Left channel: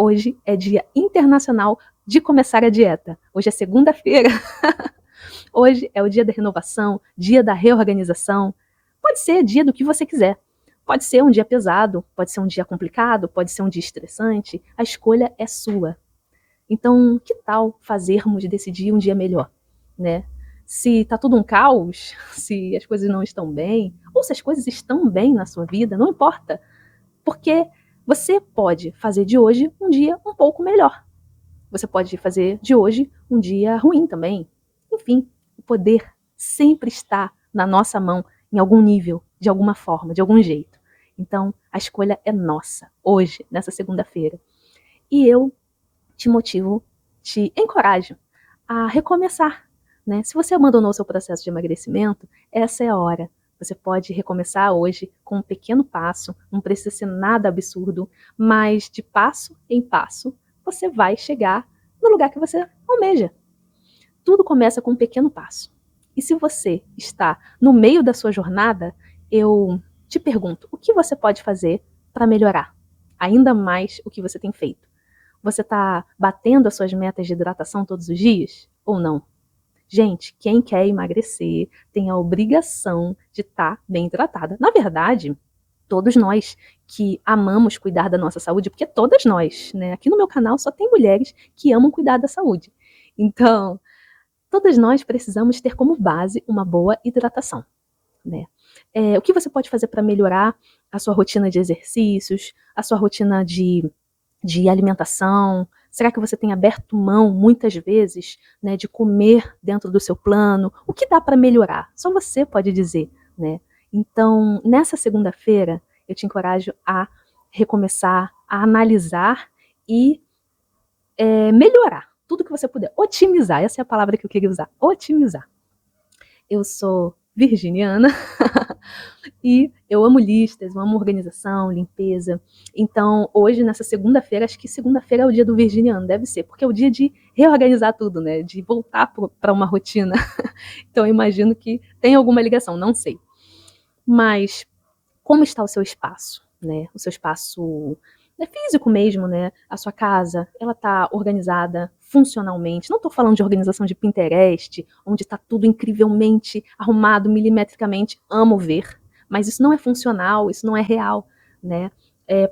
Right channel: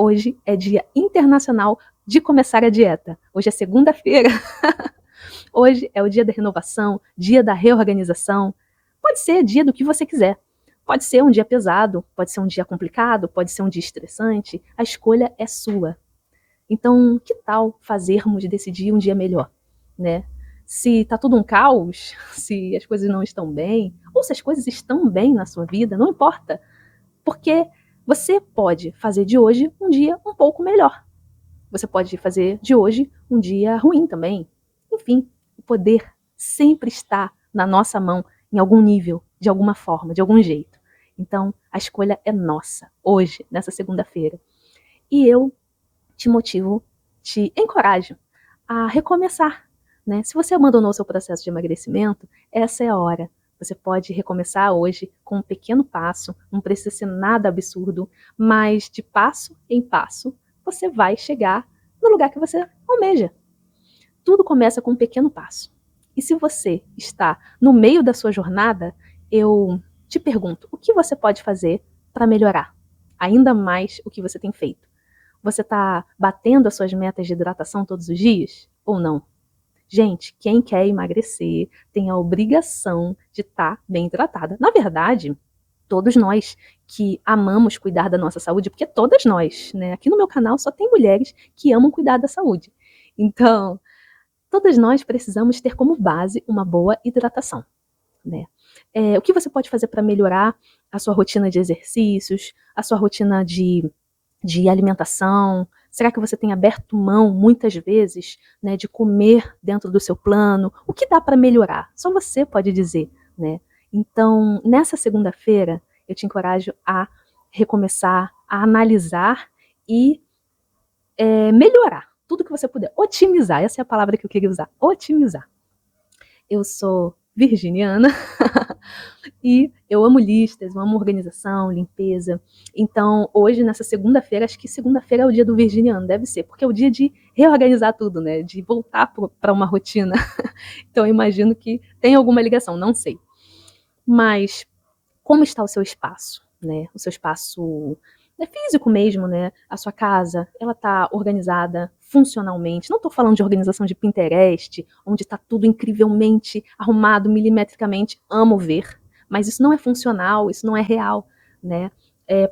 Hoje é Dia Internacional de Começar a Dieta. Hoje é segunda-feira. Hoje é o dia da renovação, dia da reorganização. Pode ser dia do que você quiser. Pode ser um dia pesado, pode ser um dia complicado, pode ser um dia estressante. A escolha é sua. Então, que tal fazermos desse dia um dia melhor, né? Se tá tudo um caos, se as coisas não estão bem, ou se as coisas estão bem na sua vida, não importa. Porque você pode fazer de hoje um dia um pouco melhor. Você pode fazer de hoje um dia ruim também. Enfim, o poder sempre está na nossa mão, em algum nível, de alguma forma, de algum jeito. Então, a escolha é nossa, hoje, nessa segunda-feira. E eu te motivo, te encorajo a recomeçar, né? Se você abandonou o seu processo de emagrecimento, essa é a hora. Você pode recomeçar hoje com um pequeno passo, não precisa ser nada absurdo, mas de passo em passo, você vai chegar no lugar que você almeja. Tudo começa com um pequeno passo. E se você está no meio da sua jornada, eu te pergunto, o que você pode fazer para melhorar ainda mais o que você tem feito? Você está batendo as suas metas de hidratação todos os dias ou não? Gente, quem quer emagrecer tem a obrigação de estar bem hidratada. Na verdade, todos nós que amamos cuidar da nossa saúde, porque todas nós, né? Aqui no meu canal só tem mulheres que amam cuidar da saúde. Então, todas nós precisamos ter como base uma boa hidratação, né? O que você pode fazer para melhorar a sua rotina de exercícios, a sua rotina de alimentação? Será que você tem aberto mão, muitas vezes, né, de comer dentro do seu plano? O que dá para melhorar? Só você pode dizer, né? Então, nessa segunda-feira, eu te encorajo a recomeçar, a analisar e melhorar tudo que você puder. Otimizar, essa é a palavra que eu queria usar. Otimizar. Eu sou virginiana e eu amo listas, eu amo organização, limpeza. Então, hoje, nessa segunda-feira, acho que segunda-feira é o dia do virginiano, deve ser, porque é o dia de reorganizar tudo, né? De voltar para uma rotina. Então, eu imagino que tem alguma ligação, não sei. Mas, como está o seu espaço, né? O seu espaço físico mesmo, né? A sua casa, ela tá organizada funcionalmente. Não estou falando de organização de Pinterest, onde está tudo incrivelmente arrumado milimetricamente. Amo ver, mas isso não é funcional, isso não é real, né?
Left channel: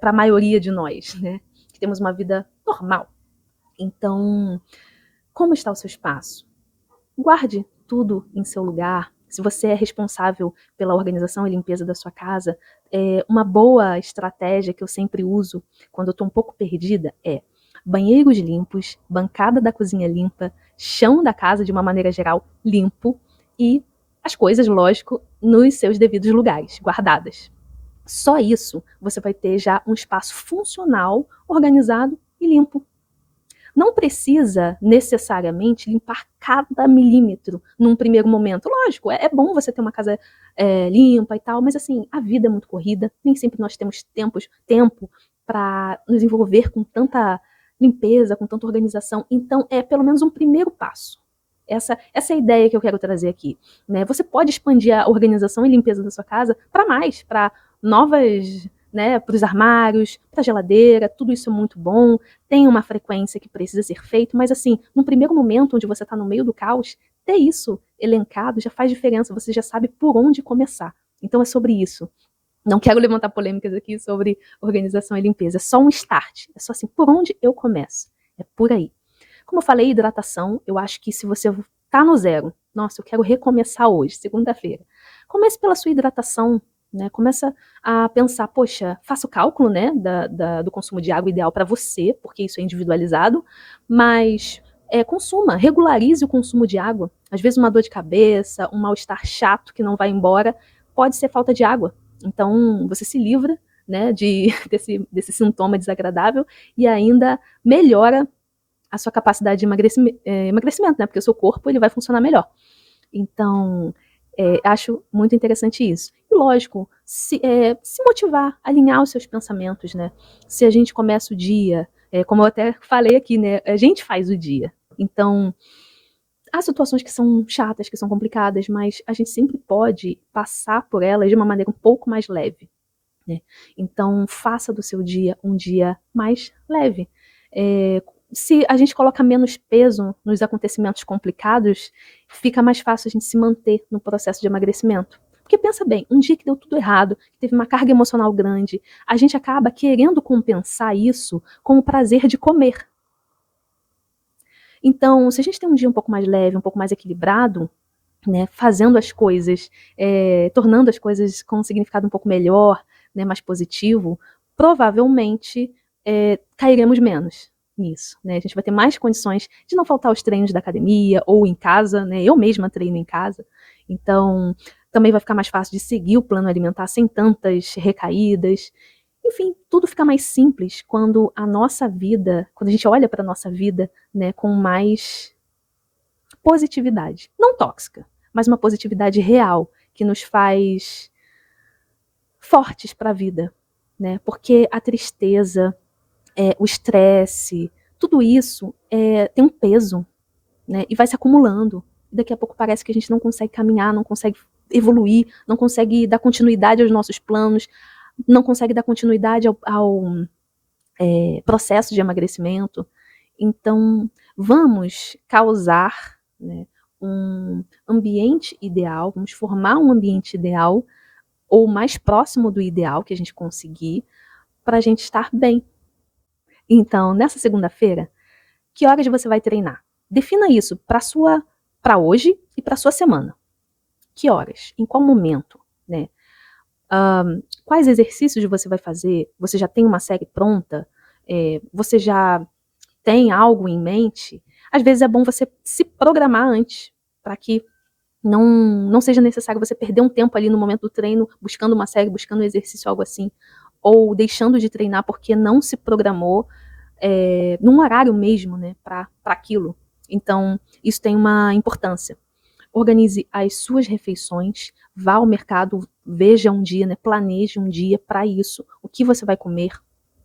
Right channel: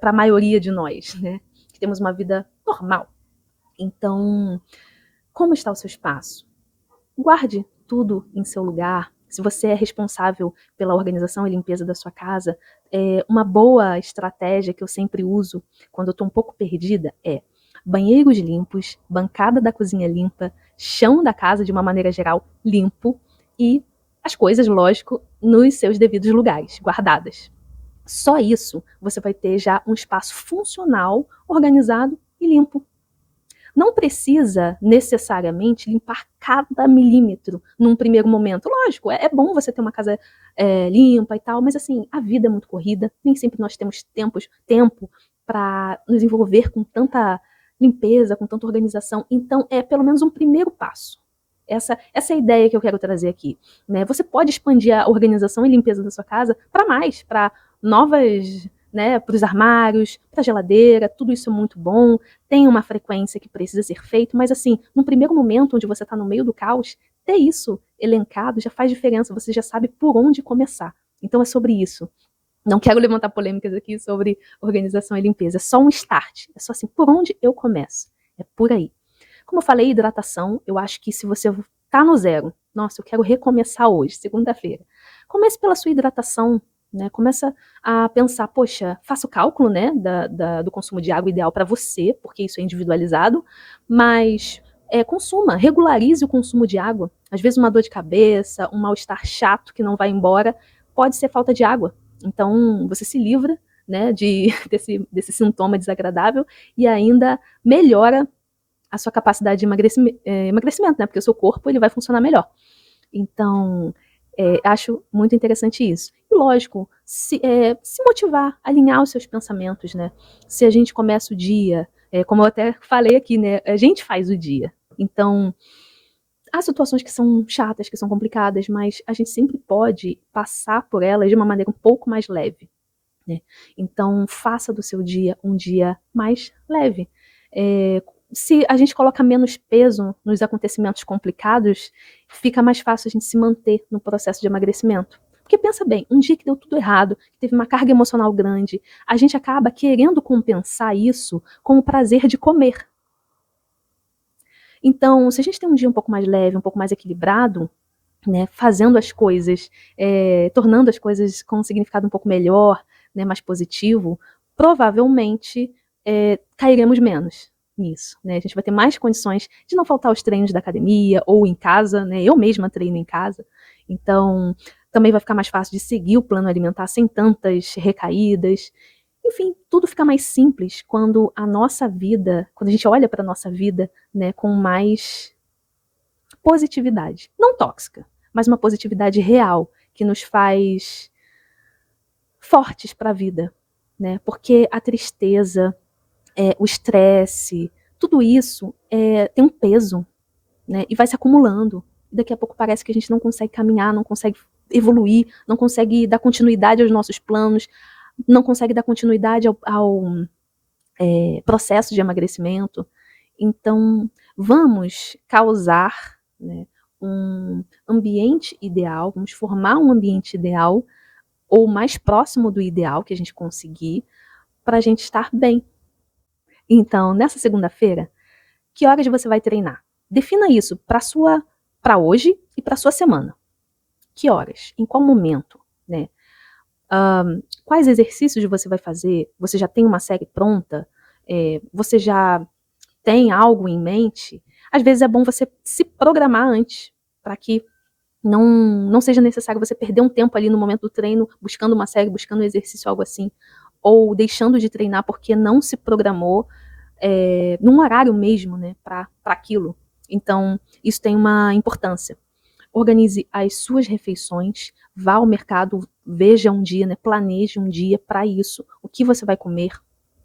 Para a maioria de nós, né? Que temos uma vida normal. Então, como está o seu espaço? Guarde tudo em seu lugar. Se você é responsável pela organização e limpeza da sua casa, uma boa estratégia que eu sempre uso quando eu estou um pouco perdida é banheiros limpos, bancada da cozinha limpa, chão da casa de uma maneira geral limpo e as coisas, lógico, nos seus devidos lugares, guardadas. Só isso você vai ter já um espaço funcional, organizado e limpo. Não precisa necessariamente limpar cada milímetro num primeiro momento. Lógico, é bom você ter uma casa limpa e tal, mas assim, a vida é muito corrida, nem sempre nós temos tempo para nos envolver com tanta limpeza, com tanta organização. Então, é pelo menos um primeiro passo. Essa é a ideia que eu quero trazer aqui, né? Você pode expandir a organização e limpeza da sua casa para mais, para novas, né, para os armários, para a geladeira, tudo isso é muito bom, tem uma frequência que precisa ser feito, mas assim, no primeiro momento onde você está no meio do caos, ter isso elencado já faz diferença, você já sabe por onde começar. Então é sobre isso. Não quero levantar polêmicas aqui sobre organização e limpeza, é só um start, é só assim, por onde eu começo? É por aí. Como eu falei, hidratação, eu acho que se você tá no zero, nossa, eu quero recomeçar hoje, segunda-feira. Comece pela sua hidratação, né? Começa a pensar, poxa, faça o cálculo, né, do consumo de água ideal para você, porque isso é individualizado, mas consuma, regularize o consumo de água. Às vezes uma dor de cabeça, um mal-estar chato que não vai embora, pode ser falta de água. Então, você se livra, né, desse sintoma desagradável e ainda melhora a sua capacidade de emagrecimento, né? Porque o seu corpo ele vai funcionar melhor. Então, acho muito interessante isso. E lógico, se motivar, alinhar os seus pensamentos, né? Se a gente começa o dia, como eu até falei aqui, né? A gente faz o dia. Então, há situações que são chatas, que são complicadas, mas a gente sempre pode passar por elas de uma maneira um pouco mais leve, né? Então, faça do seu dia um dia mais leve. Se a gente coloca menos peso nos acontecimentos complicados, fica mais fácil a gente se manter no processo de emagrecimento. Porque pensa bem, um dia que deu tudo errado, que teve uma carga emocional grande, a gente acaba querendo compensar isso com o prazer de comer. Então, se a gente tem um dia um pouco mais leve, um pouco mais equilibrado, né, fazendo as coisas, tornando as coisas com um significado um pouco melhor, né, mais positivo, provavelmente cairemos menos nisso, né? A gente vai ter mais condições de não faltar aos treinos da academia ou em casa, né? Eu mesma treino em casa, então também vai ficar mais fácil de seguir o plano alimentar sem tantas recaídas. Enfim, tudo fica mais simples quando a nossa vida, quando a gente olha para a nossa vida, né, com mais positividade, não tóxica, mas uma positividade real que nos faz fortes para a vida, né? Porque a tristeza, o estresse, tudo isso tem um peso, né? E vai se acumulando. Daqui a pouco parece que a gente não consegue caminhar, não consegue evoluir, não consegue dar continuidade aos nossos planos, não consegue dar continuidade ao processo de emagrecimento. Então, vamos causar, né, um ambiente ideal, vamos formar um ambiente ideal, ou mais próximo do ideal que a gente conseguir, para a gente estar bem. Então, nessa segunda-feira, que horas você vai treinar? Defina isso para hoje e para sua semana. Que horas? Em qual momento? Né? Quais exercícios você vai fazer? Você já tem uma série pronta? Você já tem algo em mente? Às vezes é bom você se programar antes, para que não seja necessário você perder um tempo ali no momento do treino, buscando uma série, buscando um exercício, algo assim, ou deixando de treinar porque não se programou num horário mesmo, né, para aquilo. Então, isso tem uma importância. Organize as suas refeições, vá ao mercado, veja um dia, né, planeje um dia para isso. O que você vai comer,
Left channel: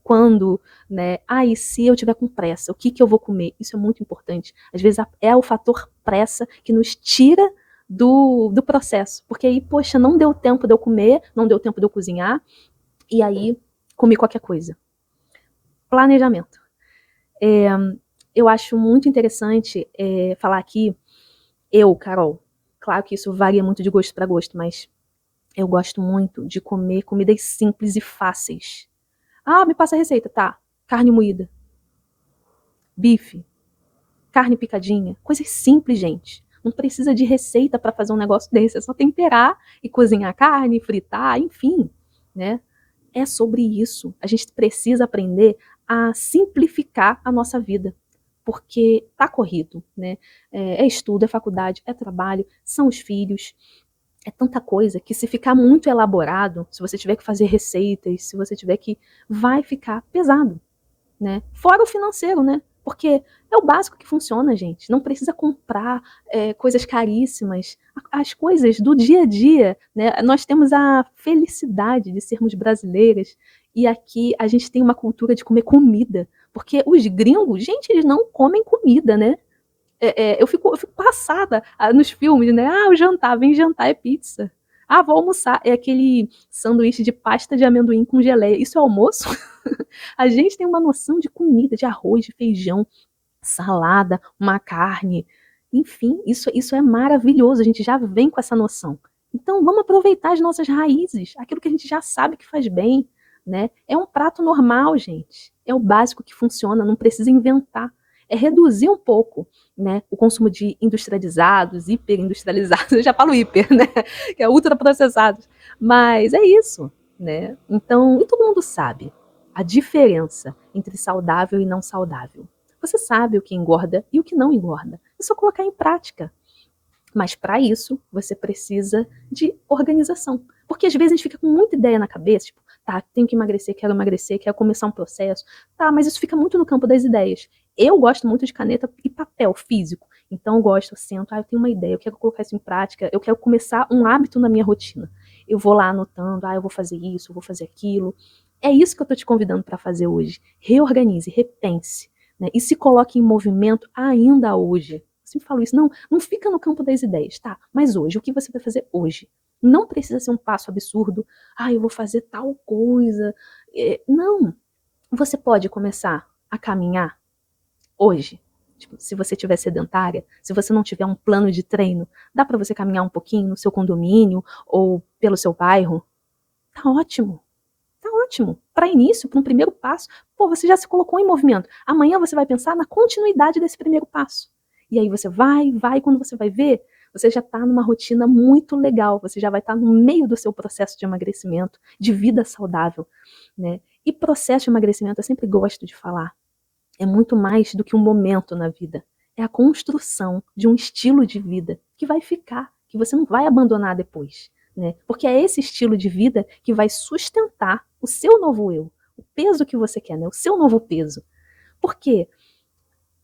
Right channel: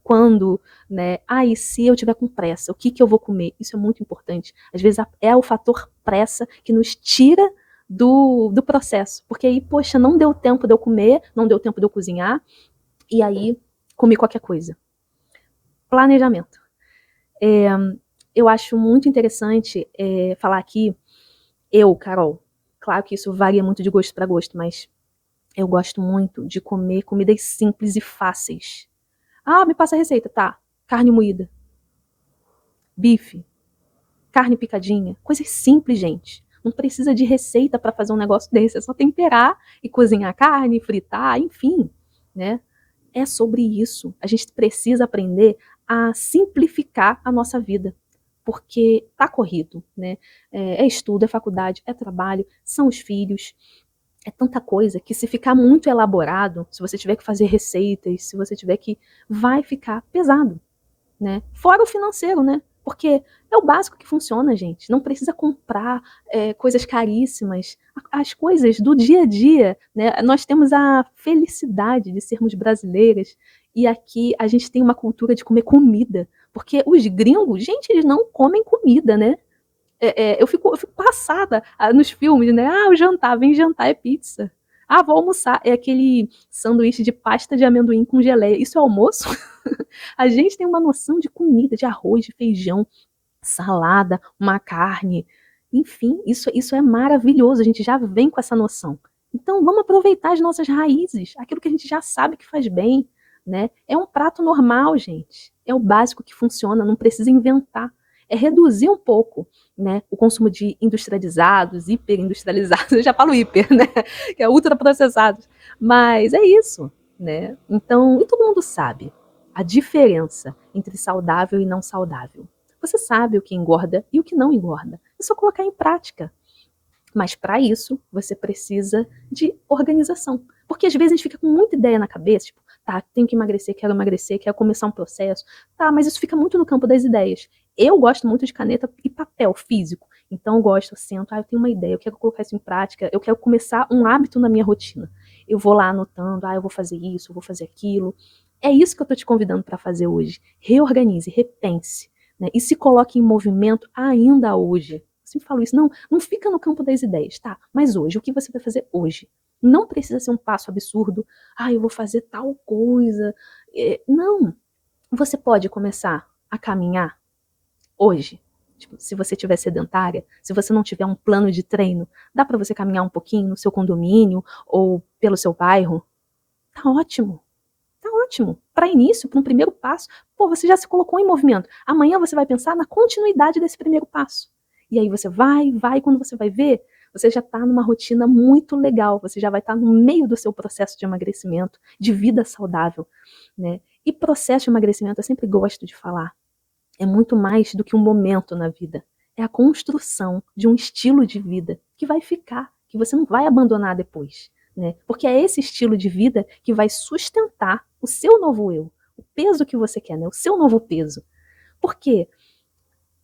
quando, né? E se eu tiver com pressa, o que eu vou comer? Isso é muito importante. Às vezes é o fator pressa que nos tira do processo. Porque aí, poxa, não deu tempo de eu comer, não deu tempo de eu cozinhar, e aí comi qualquer coisa. Planejamento. Eu acho muito interessante falar aqui, Carol, claro que isso varia muito de gosto para gosto, mas eu gosto muito de comer comidas simples e fáceis. Me passa a receita, tá? Carne moída, bife, carne picadinha, coisas simples, gente. Não precisa de receita para fazer um negócio desse, é só temperar e cozinhar a carne, fritar, enfim, né? É sobre isso. A gente precisa aprender a simplificar a nossa vida, porque tá corrido, né? Estudo, é faculdade, é trabalho, são os filhos, é tanta coisa que se ficar muito elaborado, se você tiver que fazer receitas, se você tiver que, vai ficar pesado, né? Fora o financeiro, né? Porque é o básico que funciona, gente. Não precisa comprar coisas caríssimas. As coisas do dia a dia, né? Nós temos a felicidade de sermos brasileiras e aqui a gente tem uma cultura de comer comida. Porque os gringos, gente, eles não comem comida, né? Eu fico passada nos filmes, né? O jantar, vem jantar, é pizza. Vou almoçar, é aquele sanduíche de pasta de amendoim com geleia. Isso é almoço? A gente tem uma noção de comida, de arroz, de feijão, salada, uma carne. Enfim, isso é maravilhoso. A gente já vem com essa noção. Então, vamos aproveitar as nossas raízes, aquilo que a gente já sabe que faz bem, né? É um prato normal, gente. É o básico que funciona, não precisa inventar. É reduzir um pouco, né, o consumo de industrializados, hiperindustrializados. Eu já falo hiper, né? Que é ultraprocessados. Mas é isso, né? Então, e todo mundo sabe a diferença entre saudável e não saudável. Você sabe o que engorda e o que não engorda. É só colocar em prática. Mas para isso, você precisa de organização. Porque às vezes a gente fica com muita ideia na cabeça, tipo, tá, tenho que emagrecer, quero começar um processo. Tá, mas isso fica muito no campo das ideias. Eu gosto muito de caneta e papel físico. Então eu gosto, sento, eu tenho uma ideia, eu quero colocar isso em prática, eu quero começar um hábito na minha rotina. Eu vou lá anotando, eu vou fazer isso, eu vou fazer aquilo. É isso que eu tô te convidando para fazer hoje. Reorganize, repense, né? E se coloque em movimento ainda hoje. Eu sempre falo isso, não fica no campo das ideias, tá? Mas hoje, o que você vai fazer hoje? Não precisa ser um passo absurdo. Eu vou fazer tal coisa. Não. Você pode começar. a caminhar hoje? Tipo, se você estiver sedentária, se você não tiver um plano de treino, dá para você caminhar um pouquinho no seu condomínio ou pelo seu bairro? Tá ótimo. Tá ótimo. Para início, para um primeiro passo, pô, você já se colocou em movimento. Amanhã você vai pensar na continuidade desse primeiro passo. E aí você vai, quando você vai ver, você já está numa rotina muito legal, você já vai estar no meio do seu processo de emagrecimento, de vida saudável, né? E processo de emagrecimento, eu sempre gosto de falar, é muito mais do que um momento na vida. É a construção de um estilo de vida que vai ficar, que você não vai abandonar depois. Né? Porque é esse estilo de vida que vai sustentar o seu novo eu, o peso que você quer, né? O seu novo peso. Porque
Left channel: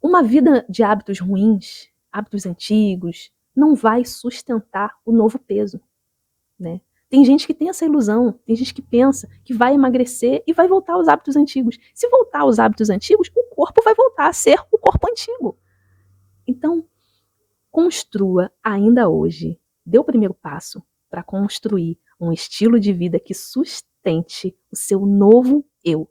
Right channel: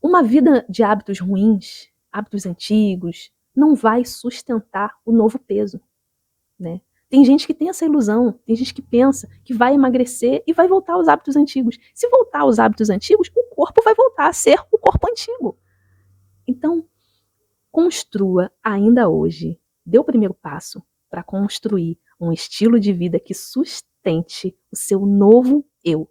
uma vida de hábitos ruins, hábitos antigos, não vai sustentar o novo peso. Né? Tem gente que tem essa ilusão, tem gente que pensa que vai emagrecer e vai voltar aos hábitos antigos. Se voltar aos hábitos antigos, o corpo vai voltar a ser o corpo antigo. Então, construa ainda hoje, dê o primeiro passo para construir um estilo de vida que sustente o seu novo eu.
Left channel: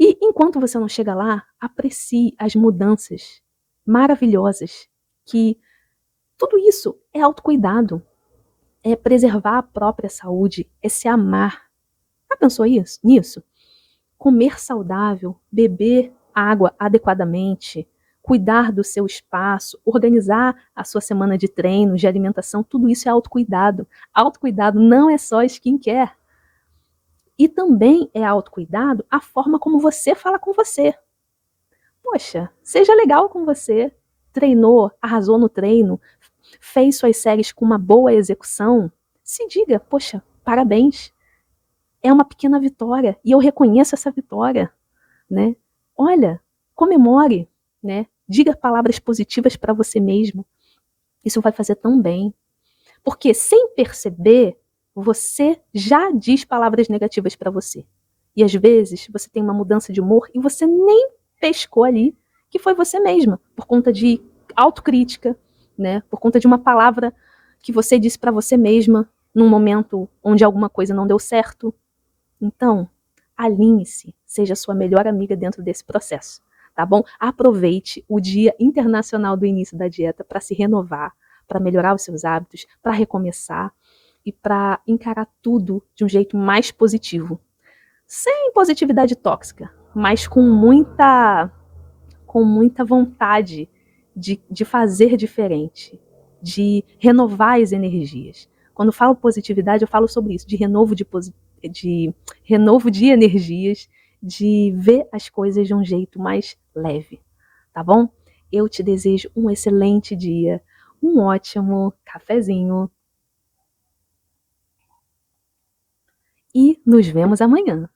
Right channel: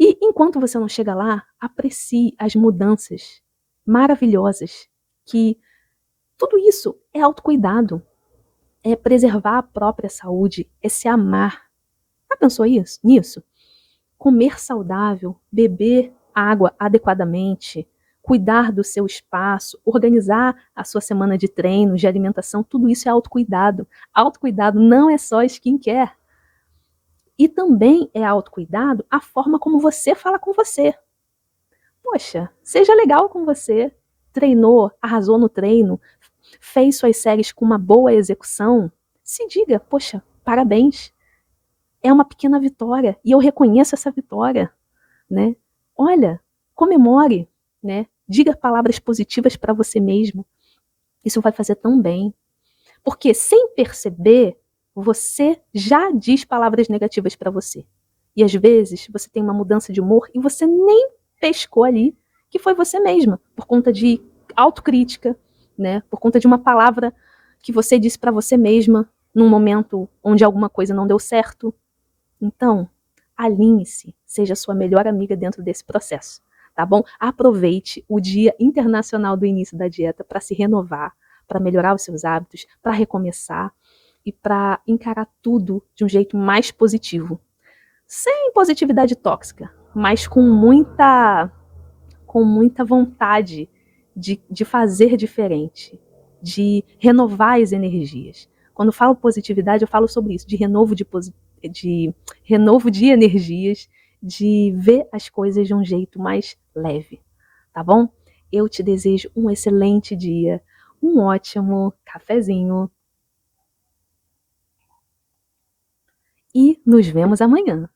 E enquanto você não chega lá, aprecie as mudanças maravilhosas que tudo isso é autocuidado, é preservar a própria saúde, é se amar. Já pensou nisso? Comer saudável, beber água adequadamente, cuidar do seu espaço, organizar a sua semana de treino, de alimentação, tudo isso é autocuidado. Autocuidado não é só skincare. E também é autocuidado a forma como você fala com você. Poxa, seja legal com você. Treinou, arrasou no treino, fez suas séries com uma boa execução. Se diga, poxa, parabéns. É uma pequena vitória e eu reconheço essa vitória, né? Olha, comemore, né? Diga palavras positivas para você mesmo. Isso vai fazer tão bem. Porque sem perceber, você já diz palavras negativas para você. E às vezes você tem uma mudança de humor e você nem pescou ali que foi você mesma, por conta de autocrítica, né? Por conta de uma palavra que você disse para você mesma num momento onde alguma coisa não deu certo. Então, alinhe-se, seja sua melhor amiga dentro desse processo, tá bom? Aproveite o Dia Internacional do Início da Dieta para se renovar, para melhorar os seus hábitos, para recomeçar e para encarar tudo de um jeito mais positivo. Sem positividade tóxica, mas com muita vontade de fazer diferente, de renovar as energias. Quando falo positividade, eu falo sobre isso, de renovo de energias, de ver as coisas de um jeito mais leve, tá bom? Eu te desejo um excelente dia, um ótimo cafezinho e nos vemos amanhã.